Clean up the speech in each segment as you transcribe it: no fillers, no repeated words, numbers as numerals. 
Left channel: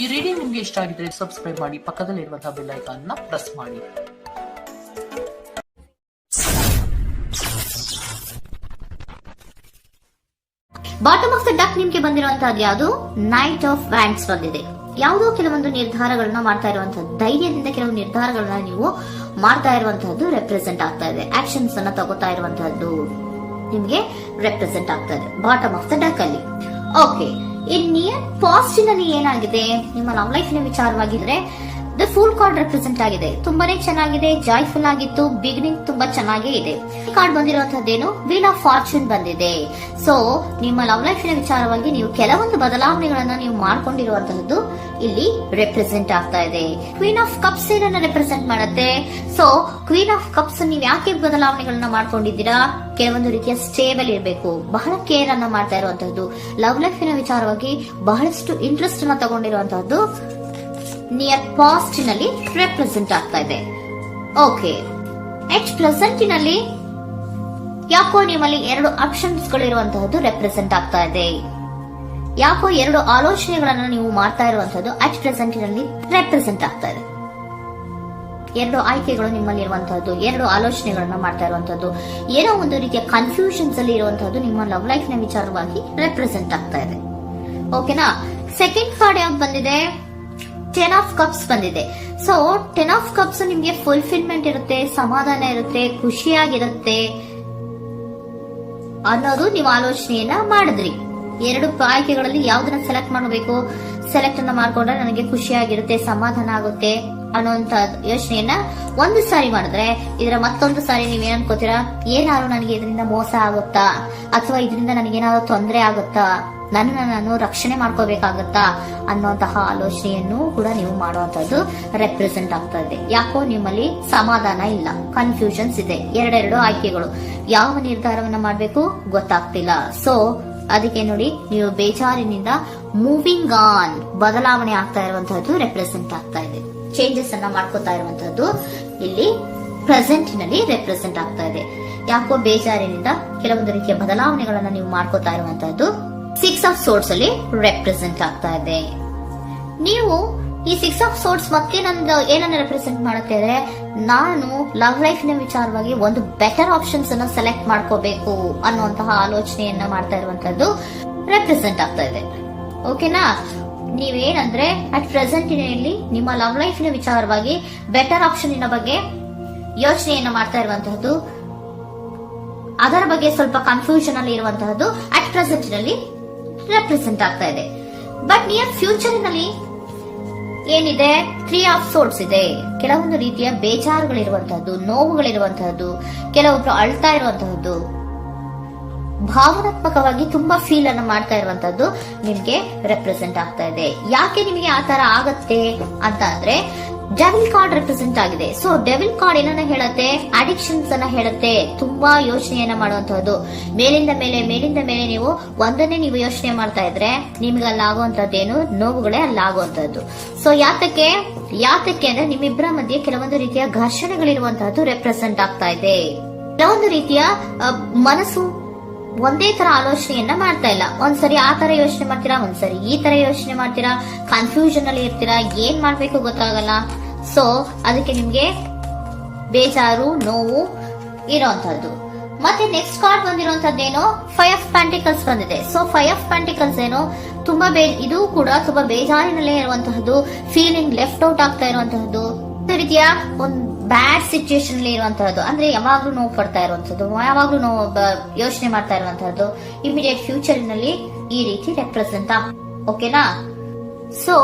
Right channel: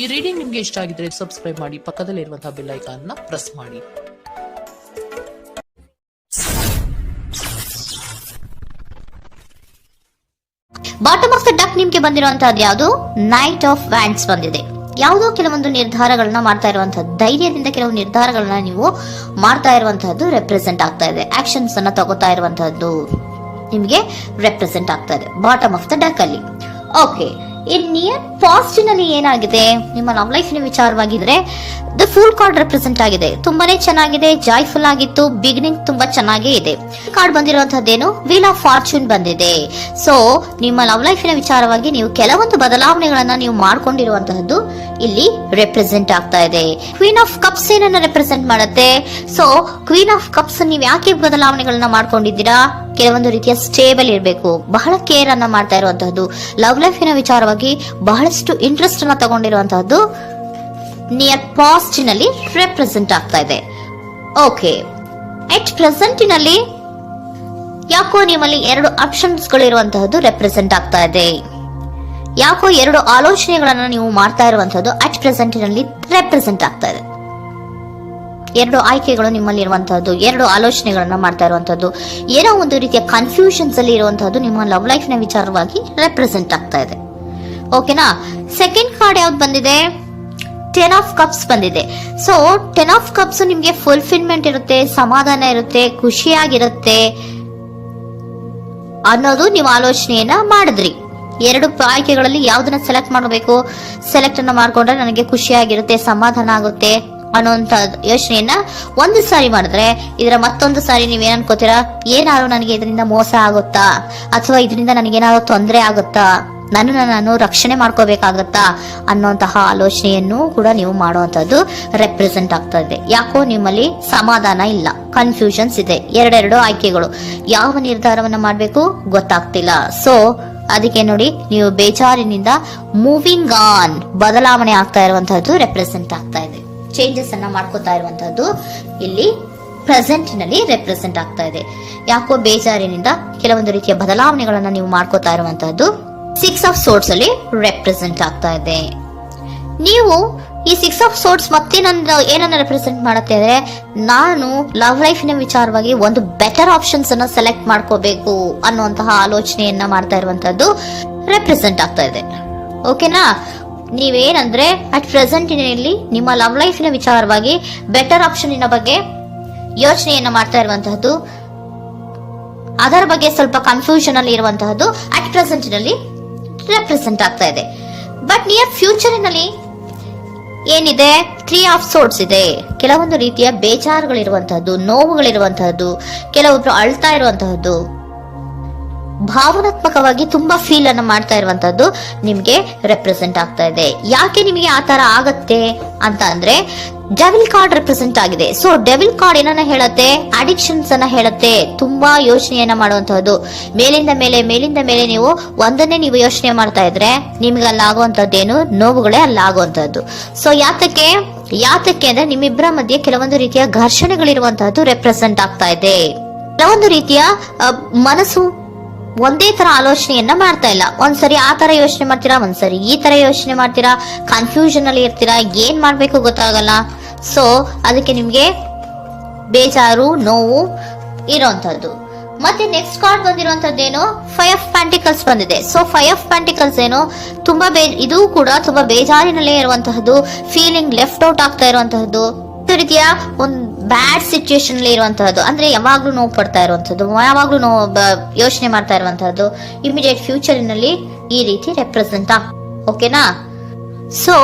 ಈ ರೀಡಿಂಗ್ ನಿಮ್ಗೆ ಇಷ್ಟ ಆಗಿದ್ರೆ ಸಬ್ಸ್ಕ್ರೈಬ್ ಮಾಡಿ, ಪಕ್ಕದಲ್ಲಿರುವಂತಹ ಬೆಲ್ ಐಕಾನ್ ನ ಪ್ರೆಸ್ ಮಾಡಿ. ಬಾಟಮ್ ಆಫ್ ದ ಡಕ್ ನಿಮ್ಗೆ ಬಂದಿರುವಂತಹದ್ದು ಯಾವುದು? ನೈಟ್ ಆಫ್ ವ್ಯಾಂಡ್ಸ್ ಬಂದಿದೆ. ಯಾವುದೋ ಕೆಲವೊಂದು ನಿರ್ಧಾರಗಳನ್ನ ಮಾಡ್ತಾ ಇರುವಂತಹದ್ದು, ಧೈರ್ಯದಿಂದ ಕೆಲವು ನಿರ್ಧಾರಗಳನ್ನ ನೀವು ಮಾಡ್ತಾ ಇರುವಂತಹದ್ದು ರೆಪ್ರೆಸೆಂಟ್ ಆಗ್ತಾ ಇದೆ. ಆಕ್ಷನ್ಸ್ ಅನ್ನ ತಗೋತಾ ಇರುವಂತಹದ್ದು ನಿಮ್ಗೆ ರೆಪ್ರೆಸೆಂಟ್ ಆಗ್ತಾ ಇದೆ ಬಾಟಮ್ ಆಫ್ ದ ಡಕ್ ಅಲ್ಲಿ. ಓಕೆ, ಇನ್ ನಿಯರ್ ಪಾಸ್ಟ್ ನಲ್ಲಿ ಏನಾಗಿದೆ? ನಿಮ್ಮ ಲವ್ ಲೈಫ್ ನ ವಿಚಾರವಾಗಿದ್ರೆ ದ ಫುಲ್ ಕಾರ್ಡ್ ರೆಪ್ರೆಸೆಂಟ್ ಆಗಿದೆ. ತುಂಬಾನೇ ಚೆನ್ನಾಗಿದೆ, ಜಾಯ್ಫುಲ್ ಆಗಿತ್ತು, ಬಿಗಿನಿಂಗ್ ತುಂಬಾ ಚೆನ್ನಾಗೇ ಇದೆ. ಕಾರ್ಡ್ ಬಂದಿರುವಂತಹದ್ದೇನು? ವೀಲ್ ಆಫ್ ಫಾರ್ಚೂನ್ ಬಂದಿದೆ. ಸೊ ನಿಮ್ಮ ಲವ್ ಲೈಫ್ ನ ವಿಚಾರವಾಗಿ ನೀವು ಕೆಲವೊಂದು ಬದಲಾವಣೆಗಳನ್ನ ನೀವು ಮಾಡ್ಕೊಂಡಿರುವಂತಹದ್ದು ಇಲ್ಲಿ ರೆಪ್ರೆಸೆಂಟ್ ಆಗ್ತಾ ಇದೆ. ಕ್ವೀನ್ ಆಫ್ ಕಪ್ಸ್ ಏನನ್ನ ರೆಪ್ರೆಸೆಂಟ್ ಮಾಡುತ್ತೆ? ಸೊ ಕ್ವೀನ್ ಆಫ್ ಕಪ್ಸ್ ನೀವು ಯಾಕೆ ಬದಲಾವಣೆಗಳನ್ನ ಮಾಡ್ಕೊಂಡಿದ್ದೀರಾ? ಕೆಲವೊಂದು ರೀತಿಯ ಸ್ಟೇಬಲ್ ಇರಬೇಕು, ಬಹಳ ಕೇರ್ ಅನ್ನ ಮಾಡ್ತಾ ಇರುವಂತಹದ್ದು, ಲವ್ ಲೈಫಿನ ವಿಚಾರವಾಗಿ ಬಹಳಷ್ಟು ಇಂಟ್ರೆಸ್ಟ್ ಅನ್ನ ತಗೊಂಡಿರುವಂತಹದ್ದು ನಿಯರ್ ಪಾಸ್ಟ್ ನಲ್ಲಿ ರೆಪ್ರೆಸೆಂಟ್ ಆಗ್ತಾ ಇದೆ. ಓಕೆ, ಎಟ್ ಪ್ರೆಸೆಂಟ್ ನಲ್ಲಿ ಯಾಕೋ ನಿಮ್ಮಲ್ಲಿ ಎರಡು ಆಪ್ಷನ್ಸ್ ಗಳಿರುವಂತಹದ್ದು ರೆಪ್ರೆಸೆಂಟ್ ಆಗ್ತಾ ಇದೆ. ಯಾಕೋ ಎರಡು ಆಲೋಚನೆಗಳನ್ನ ನೀವು ಮಾಡ್ತಾ ಇರುವಂತಹದ್ದು ಅಟ್ ಪ್ರೆಸೆಂಟ್ ನಲ್ಲಿ ರೆಪ್ರೆಸೆಂಟ್ ಆಗ್ತಾ ಇದೆ. ಎರಡು ಆಯ್ಕೆಗಳು ನಿಮ್ಮಲ್ಲಿ ಇರುವಂತಹದ್ದು, ಎರಡು ಆಲೋಚನೆಗಳನ್ನ ಮಾಡ್ತಾ ಇರುವಂತಹದ್ದು, ಏನೋ ಒಂದು ರೀತಿಯ ಕನ್ಫ್ಯೂಷನ್ಸ್ ಅಲ್ಲಿ ಇರುವಂತಹದ್ದು ನಿಮ್ಮ ಲವ್ ಲೈಫ್ ನ ವಿಚಾರವಾಗಿ ರೆಪ್ರೆಸೆಂಟ್ ಆಗ್ತಾ ಇದೆ. ಓಕೆನಾ? ಸೆಕೆಂಡ್ ಕಾರ್ಡ್ ಯಾವ್ದು ಬಂದಿದೆ? ಟೆನ್ ಆಫ್ ಕಪ್ಸ್ ಬಂದಿದೆ. ಸೊ ಟೆನ್ ಆಫ್ ಕಪ್ಸ್ ನಿಮ್ಗೆ ಫುಲ್ಫಿಲ್ಮೆಂಟ್ ಇರುತ್ತೆ, ಸಮಾಧಾನ ಇರುತ್ತೆ, ಖುಷಿಯಾಗಿರುತ್ತೆ ಅನ್ನೋದು ನೀವು ಆಲೋಚನೆಯನ್ನ ಮಾಡಿದ್ರಿ. ಎರಡು ಆಯ್ಕೆಗಳಲ್ಲಿ ಯಾವ್ದನ್ನ ಸೆಲೆಕ್ಟ್ ಮಾಡಬೇಕು? ಸೆಲೆಕ್ಟ್ ಅನ್ನ ಮಾಡ್ಕೊಂಡ್ರೆ ನನಗೆ ಖುಷಿಯಾಗಿರುತ್ತೆ, ಸಮಾಧಾನ ಆಗುತ್ತೆ ಅನ್ನೋಂತ ಯೋಚನೆಯನ್ನ ಒಂದು ಸಾರಿ ಮಾಡಿದ್ರೆ, ಇದರ ಮತ್ತೊಂದು ಸಾರಿ ನೀವೇನ್ ಅನ್ಕೋತೀರಾ? ಏನಾದ್ರು ನನಗೆ ಇದರಿಂದ ಮೋಸ ಆಗುತ್ತಾ, ಅಥವಾ ಇದರಿಂದ ನನಗೇನಾದ್ರು ತೊಂದರೆ ಆಗುತ್ತಾ, ನಾನು ರಕ್ಷಣೆ ಮಾಡ್ಕೋಬೇಕಾಗತ್ತಾ ಅನ್ನೋಂತಹ ಆಲೋಚನೆಯನ್ನು ಕೂಡ ನೀವು ಮಾಡುವಂತದ್ದು ರೆಪ್ರೆಸೆಂಟ್ ಆಗ್ತಾ ಇದೆ. ಯಾಕೋ ನಿಮ್ಮಲ್ಲಿ ಸಮಾಧಾನ ಇಲ್ಲ, ಕನ್ಫ್ಯೂಷನ್ಸ್ ಇದೆ, ಎರಡೆರಡು ಆಯ್ಕೆಗಳು, ಯಾವ ನಿರ್ಧಾರವನ್ನ ಮಾಡ್ಬೇಕು ಗೊತ್ತಾಗ್ತಿಲ್ಲ. ಸೊ ಅದಕ್ಕೆ ನೋಡಿ, ನೀವು ಬೇಜಾರಿನಿಂದ ಮೂವಿಂಗ್ ಆನ್, ಬದಲಾವಣೆ ಆಗ್ತಾ ಇರುವಂತಹದ್ದು ರೆಪ್ರೆಸೆಂಟ್ ಆಗ್ತಾ ಇದೆ. ಚೇಂಜಸ್ ಅನ್ನ ಮಾಡ್ಕೋತಾ ಇರುವಂತಹದ್ದು ಇಲ್ಲಿ ಪ್ರೆಸೆಂಟ್ ನಲ್ಲಿ ರೆಪ್ರೆಸೆಂಟ್ ಆಗ್ತಾ ಇದೆ. ಯಾಕೋ ಬೇಜಾರಿನಿಂದ ಕೆಲವೊಂದು ರೀತಿಯ ಬದಲಾವಣೆಗಳನ್ನ ನೀವು ಮಾಡ್ಕೋತಾ ಇರುವಂತಹದ್ದು ಸಿಕ್ಸ್ ಆಫ್ ಸೋರ್ಟ್ಸ್ ಅಲ್ಲಿ ರೆಪ್ರೆಸೆಂಟ್ ಆಗ್ತಾ ಇದೆ. ನೀವು ಈ ಸಿಕ್ಸ್ ಆಫ್ ಸೋರ್ಟ್ಸ್ ಮತ್ತೆ ಏನನ್ನ ರೆಪ್ರೆಸೆಂಟ್ ಮಾಡುತ್ತೆ ಅಂದ್ರೆ, ನಾನು ಲವ್ ಲೈಫ್ ನ ವಿಚಾರವಾಗಿ ಒಂದು ಬೆಟರ್ ಆಪ್ಷನ್ಸ್ ಅನ್ನ ಸೆಲೆಕ್ಟ್ ಮಾಡ್ಕೋಬೇಕು ಅನ್ನುವಂತಹ ಆಲೋಚನೆಯನ್ನ ಮಾಡ್ತಾ ಇರುವಂತದ್ದು ರೆಪ್ರೆಸೆಂಟ್ ಆಗ್ತಾ ಇದೆ. ಓಕೆನಾ? ನೀವೇನಂದ್ರೆ ಅಟ್ ಪ್ರೆಸೆಂಟ್ ನಲ್ಲಿ ನಿಮ್ಮ ಲವ್ ಲೈಫ್ ನ ವಿಚಾರವಾಗಿ ಬೆಟರ್ ಆಪ್ಷನ್ ಬಗ್ಗೆ ಯೋಚನೆಯನ್ನ ಮಾಡ್ತಾ ಇರುವಂತಹದ್ದು, ಅದರ ಬಗ್ಗೆ ಸ್ವಲ್ಪ ಕನ್ಫ್ಯೂಷನ್ ಅಲ್ಲಿ ಇರುವಂತಹದ್ದು ಅಟ್ ಪ್ರೆಸೆಂಟ್ ನಲ್ಲಿ ರೆಪ್ರೆಸೆಂಟ್ ಆಗ್ತಾ ಇದೆ. ಬಟ್ ನಿಯರ್ ಫ್ಯೂಚರ್ ನಲ್ಲಿ ಏನಿದೆ? ತ್ರೀ ಆಫ್ ಸೋರ್ಟ್ಸ್ ಇದೆ. ಕೆಲವೊಂದು ರೀತಿಯ ಬೇಜಾರುಗಳಿರುವಂತಹದ್ದು, ನೋವುಗಳಿರುವಂತಹದ್ದು, ಕೆಲವೊಬ್ರು ಅಳ್ತಾ ಇರುವಂತಹದ್ದು, ಭಾವನಾತ್ಮಕವಾಗಿ ತುಂಬಾ ಫೀಲ್ ಅನ್ನು ಮಾಡ್ತಾ ಇರುವಂತದ್ದು ನಿಮ್ಗೆ ರೆಪ್ರೆಸೆಂಟ್ ಆಗ್ತಾ ಇದೆ. ಯಾಕೆ ನಿಮಗೆ ಆ ತರ ಆಗತ್ತೆ ಅಂತ ಅಂದ್ರೆ, ಡೆವಿಲ್ ಕಾರ್ಡ್ ರೆಪ್ರೆಸೆಂಟ್ ಆಗಿದೆ. ಸೊ ಡೆವಿಲ್ ಕಾರ್ಡ್ ಏನನ್ನ ಹೇಳತ್ತೆ? ಅಡಿಕ್ಷನ್ಸ್ ಅನ್ನ ಹೇಳತ್ತೆ. ತುಂಬಾ ಯೋಚನೆಯನ್ನ ಮಾಡುವಂತಹದ್ದು, ಮೇಲಿಂದ ಮೇಲೆ ನೀವು ಒಂದನ್ನೇ ನೀವು ಯೋಚನೆ ಮಾಡ್ತಾ ಇದ್ರೆ ನಿಮ್ಗೆ ಅಲ್ಲಾಗುವಂತದ್ದೇನು? ನೋವುಗಳೇ ಅಲ್ಲಾಗುವಂತಹದ್ದು. ಸೊ ಯಾತಕ್ಕೆ ಅಂದ್ರೆ ನಿಮ್ಮಿಬ್ಬರ ಮಧ್ಯೆ ಕೆಲವೊಂದು ರೀತಿಯ ಘರ್ಷಣೆಗಳಿರುವಂತಹದ್ದು ರೆಪ್ರೆಸೆಂಟ್ ಆಗ್ತಾ ಇದೆ. ಕೆಲವೊಂದು ರೀತಿಯ ಮನಸ್ಸು ಒಂದೇ ತರ ಆಲೋಚನೆಯನ್ನ ಮಾಡ್ತಾ ಇಲ್ಲ. ಒಂದ್ಸರಿ ಆ ತರ ಯೋಚನೆ ಮಾಡ್ತೀರಾ, ಒಂದ್ಸರಿ ಈ ತರ ಯೋಚನೆ ಮಾಡ್ತೀರಾ, ಕನ್ಫ್ಯೂಷನ್ ಅಲ್ಲಿ ಇರ್ತೀರಾ, ಏನ್ ಮಾಡ್ಬೇಕು ಗೊತ್ತಾಗಲ್ಲ. ಸೊ ಅದಕ್ಕೆ ನಿಮ್ಗೆ ಬೇಜಾರು, ನೋವು ಇರೋಂಥದ್ದು. ಮತ್ತೆ ನೆಕ್ಸ್ಟ್ ಕಾರ್ಡ್ ಬಂದಿರುವಂತದ್ದೇನು? ಫೈವ್ ಆಫ್ ಪ್ಯಾಂಟಿಕಲ್ಸ್ ಬಂದಿದೆ. ಸೊ ಫೈವ್ ಆಫ್ ಪ್ಯಾಂಟಿಕಲ್ಸ್ ಏನು? ತುಂಬಾ ಇದು ಕೂಡ ತುಂಬಾ ಬೇಜಾರಿನಲ್ಲೇ ಇರುವಂತಹದ್ದು, ಫೀಲಿಂಗ್ ಲೆಫ್ಟ್ ಔಟ್ ಆಗ್ತಾ ಇರುವಂತಹದ್ದು, ರೀತಿಯ ಒಂದು ಬ್ಯಾಡ್ ಸಿಚುಯೇಷನ್ ಅಲ್ಲಿ ಇರುವಂತಹದ್ದು, ಅಂದ್ರೆ ಯಾವಾಗ್ಲೂ ನೋವು ಪಡ್ತಾ ಇರುವಂತದ್ದು, ಯಾವಾಗ್ಲೂ ಯೋಚನೆ ಮಾಡ್ತಾ ಇರುವಂತಹದ್ದು ಇಮಿಡಿಯೇಟ್ ಫ್ಯೂಚರ್ ನಲ್ಲಿ ಈ ರೀತಿ ರೆಪ್ರೆಸೆಂಟ್ ಓಕೆನಾ? ಸೊ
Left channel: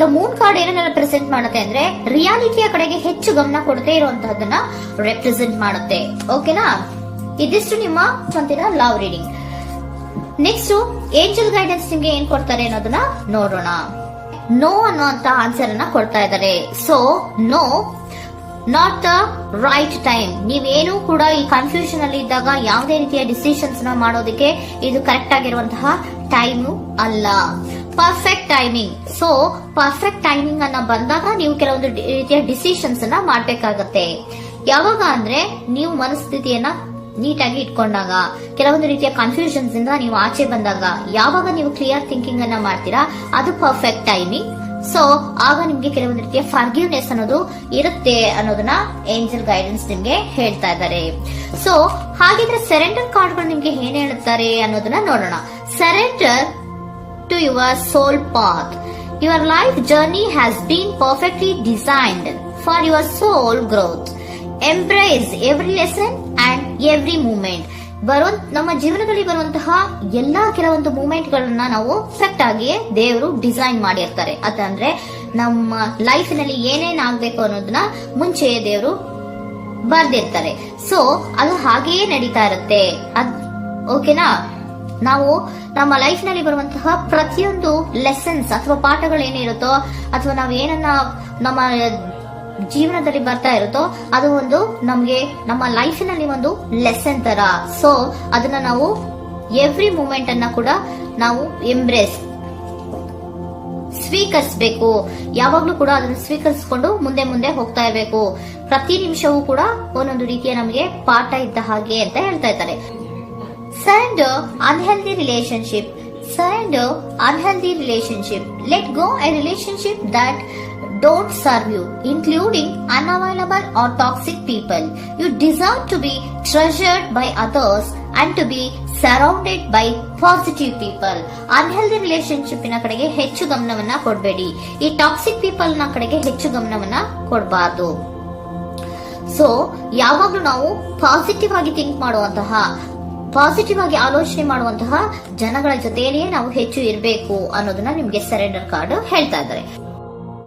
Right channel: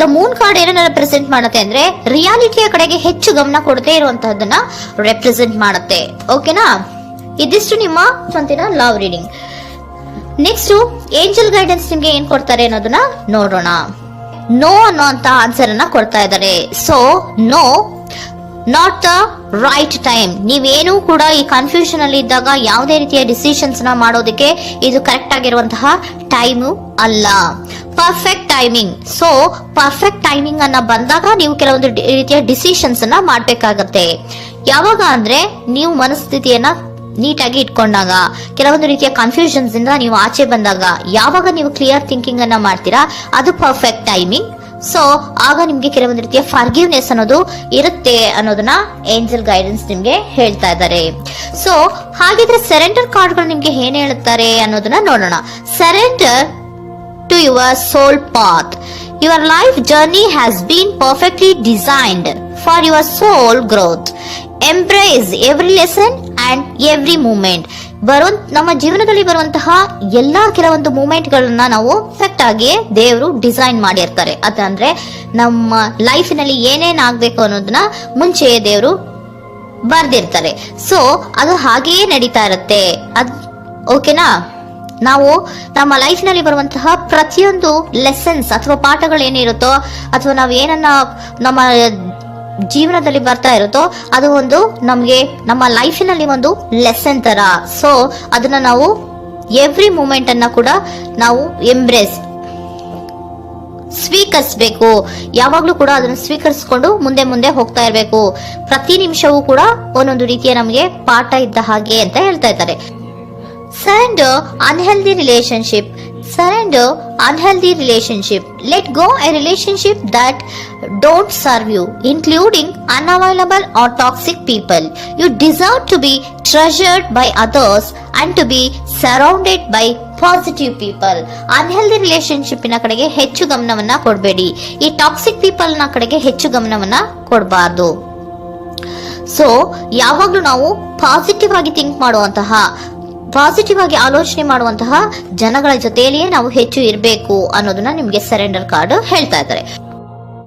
ದ ಮೂನ್ ಕಾರ್ಡ್ ಏನನ್ನ ರೆಪ್ರೆಸೆಂಟ್ ಮಾಡುತ್ತೆ ಅಂದ್ರೆ, ರಿಯಾಲಿಟಿಯ ಕಡೆಗೆ ಹೆಚ್ಚು ಗಮನ ಕೊಡದೇ ಇರುವಂತಹದನ್ನ ರೆಪ್ರೆಸೆಂಟ್ ಮಾಡುತ್ತೆ. ಓಕೆನಾ? ಇದಿಷ್ಟು ನಿಮ್ಮ ಮುಂದಿನ love reading. Next angel guidance ನಿಮ್ಗೆ ಏನ್ ಕೊಡ್ತಾರೆ ಅನ್ನೋದನ್ನ ನೋಡೋಣ. ನೋ ಅನ್ನೋಂತ ಆನ್ಸರ್ ಅನ್ನ ಕೊಡ್ತಾ ಇದ್ದಾರೆ. So no, not the right time. ನೀವೇನು ಕೂಡ ಈ ಕನ್ಫ್ಯೂಷನ್ ಅಲ್ಲಿ ಇದ್ದಾಗ ಯಾವುದೇ ರೀತಿಯ ಡಿಸಿಷನ್ಸ್ ನ ಮಾಡೋದಕ್ಕೆ ಇದು ಕರೆಕ್ಟ್ ಆಗಿರುವಂತಹ ಟೈಮು ಅಲ್ಲ. Perfect timing. So perfect timing ಅನ್ನ ಬಂದಾಗ ನೀವು ಕೆಲವೊಂದು ರೀತಿಯ ಡಿಸಿಷನ್ಸ್ ಅನ್ನ ಮಾಡ್ಬೇಕಾಗತ್ತೆ. ಯಾವಾಗ ಅಂದ್ರೆ ನೀವು ಮನಸ್ಥಿತಿಯನ್ನ ನೀಟಾಗಿ ಇಟ್ಕೊಂಡಾಗ, ಕೆಲವೊಂದು ರೀತಿಯ ಕನ್ಫ್ಯೂಷನ್ಸ್ ಇಂದ ನೀವು ಆಚೆ ಬಂದಾಗ, ಯಾವಾಗ ನೀವು ಕ್ಲಿಯರ್ ಥಿಂಕಿಂಗ್ ಅನ್ನ ಮಾಡ್ತೀರಾ ಅದು ಪರ್ಫೆಕ್ಟ್ ಟೈಮಿಂಗ್. ಸೊ ಆಗ ನಿಮ್ಗೆ ಕೆಲವೊಂದು ರೀತಿಯ ಫರ್ಗಿವ್ನೆಸ್ ಅನ್ನೋದು ಇರುತ್ತೆ ಅನ್ನೋದನ್ನ ಏಂಜಲ್ ಗೈಡೆನ್ಸ್ ನಿಮ್ಗೆ ಹೇಳ್ತಾ ಇದ್ದಾರೆ. ಸೊ ಹಾಗಿದ್ರೆ ಸರೆಂಡರ್ ಕಾರ್ಡ್ಗಳು ನಿಮ್ಗೆ ಏನ್ ಹೇಳುತ್ತಾರೆ ಅನ್ನೋದನ್ನ ನೋಡೋಣ. Surrender to your soul path. Your life journey has been perfectly designed for your soul growth. Embrace every lesson and every moment. ನಮ್ಮ ಜೀವನದಲ್ಲಿ ಬರುವಂತಹ ಎಲ್ಲಾ ಕೆಲವೊಂದು ಮೂಮೆಂಟ್ ಗಳನ್ನ ನಾವು ಪರ್ಫೆಕ್ಟ್ ಆಗಿ ದೇವರು ಡಿಸೈನ್ ಮಾಡಿರ್ತಾರೆ. ಅದಂದ್ರೆ ನಮ್ಮ ಲೈಫಿನಲ್ಲಿ ಏನೇನ್ ಆಗ್ಬೇಕು ಅನ್ನೋದನ್ನ ಮುಂಚೆ ದೇವರು ಬರ್ದಿರ್ತಾರೆ. ಸೊ ಅದು ಹಾಗೆಯೇ ನಡೀತಾ ಇರುತ್ತೆ. ಓಕೆನಾ? ನಾವು ನಮ್ಮ ಲೈಫ್ ನಲ್ಲಿ ಬರುವಂತಹ ಪ್ರತಿಯೊಂದು ಲೆಸನ್ಸ್ ಅಥವಾ ಪಾಠಗಳೇನಿರುತ್ತೋ ಅಥವಾ ನಾವು ಏನನ್ನ ನಮ್ಮ ಜೀವನದಲ್ಲಿ ಬರ್ತಾ ಇರುತ್ತೋ ಅದು ಒಂದು ನಮ್ಗೆ ನಮ್ಮ ಲೈಫಿನಲ್ಲಿ ಒಂದು ಲೆಸನ್ ತರ. ಸೊ ಅದನ್ನ ನಾವು ಎವ್ರಿ ಮೂಮೆಂಟ್ ಅನ್ನ ಕೂಡ ನಾವು ಎಂಬ್ರೇಸ್ ಸ್ವೀಕರಿಸಬೇಕು. ಯಾವಾಗ್ಲೂ ಕೂಡ ಅದನ್ನು ಸ್ವೀಕರಿಸಿಕೊಂಡು ಮುಂದೆ ಮುಂದೆ ಹೋಗ್ತಾ ಇರಬೇಕು. ಪ್ರತಿ ನಿಮಿಷವೂ ಕೂಡ ಒಂದೊಂದು ರೀತಿಯ ನಮಗೆ ಪಾಠ ಇದ್ದ ಹಾಗೆ ಅಂತ ಹೇಳ್ತಾ ಇದ್ದಾರೆ. Surrender unhealthy relationship. Surrender unhealthy relationship. Let go a relationship that don't serve you, including unavailable or toxic people. You deserve to be treasured by others and to be surrounded by positive people. Unhealthy relationship ನ ಕಡೆಗೆ ಹೆಚ್ಚು ಗಮನವನ್ನ ಕೊಡಬೇಡಿ. ಈ toxic people ನ ಕಡೆಗೆ ಹೆಚ್ಚು ಗಮನವನ್ನ ಕೊಡಬಾರ್ದು. So ಯಾವಾಗ್ಲೂ ನಾವು ಪಾಸಿಟಿವ್ ಆಗಿ ಥಿಂಕ್ ಮಾಡುವಂತಹ, ಪಾಸಿಟಿವ್ ಆಗಿ ಆಲೋಚನೆ ಮಾಡುವಂತಹ ಜನಗಳ ಜೊತೆಯಲ್ಲಿಯೇ ನಾವು ಹೆಚ್ಚು ಇರಬೇಕು ಅನ್ನೋದನ್ನ ನಿಮ್ಗೆ ಸರೆಂಡರ್ ಕಾರ್ಡ್ ಹೇಳ್ತಾ ಇದ್ದಾರೆ.